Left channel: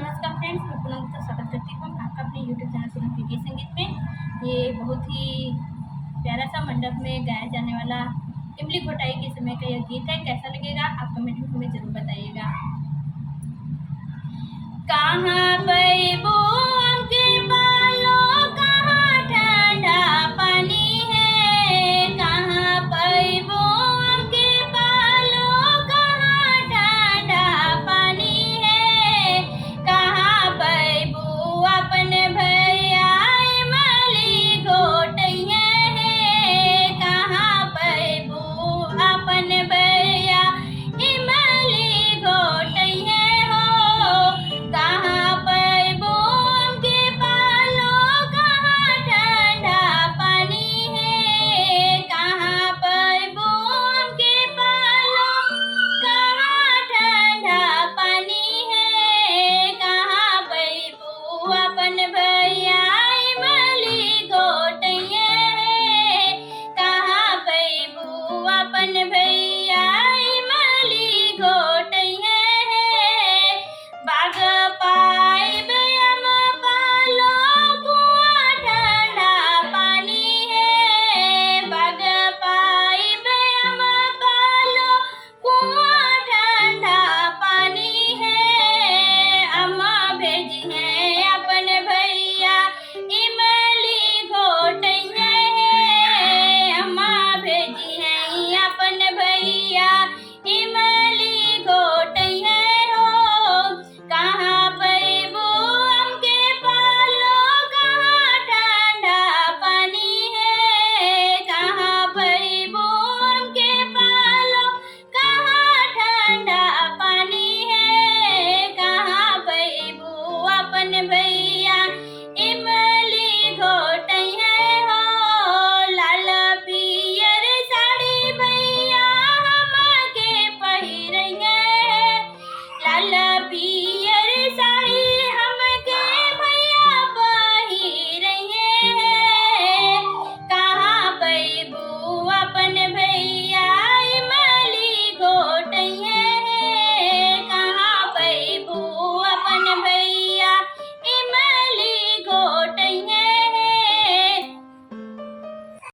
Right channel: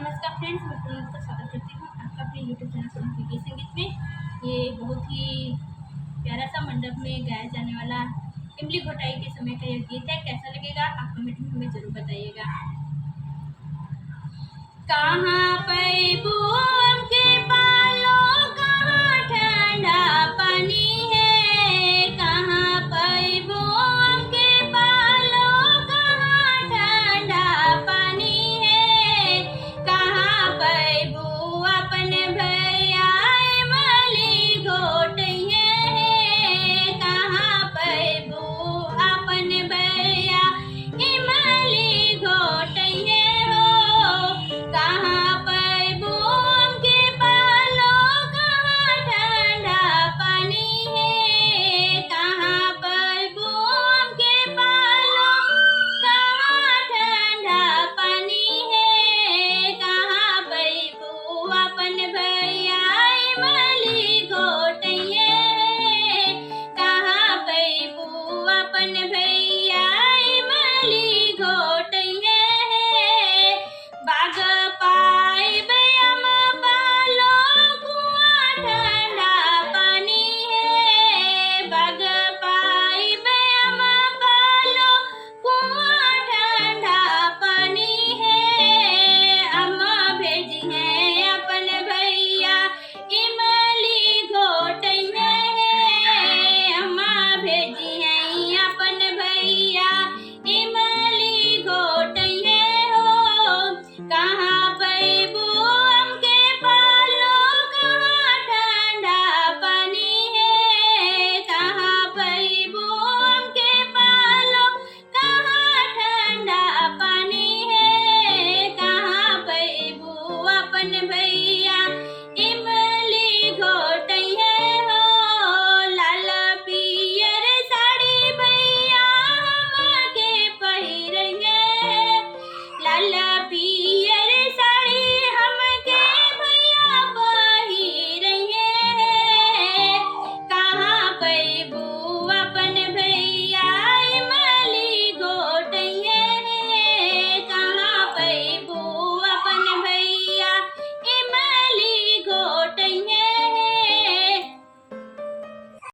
नमस्कार फ्रेंड्स, मैं पूनम का स्वागत करती हूँ आपका अपने यूट्यूब चैनल पूनम के गीत संगीत में। ये बहुत ही प्यारा सा मंडप में गाया जाने वाला इमली घोटाई के समय का यह गीत है। कैसा लगेगा आप कमेंट में हमें जरूर बताइएगा। कहाँ पर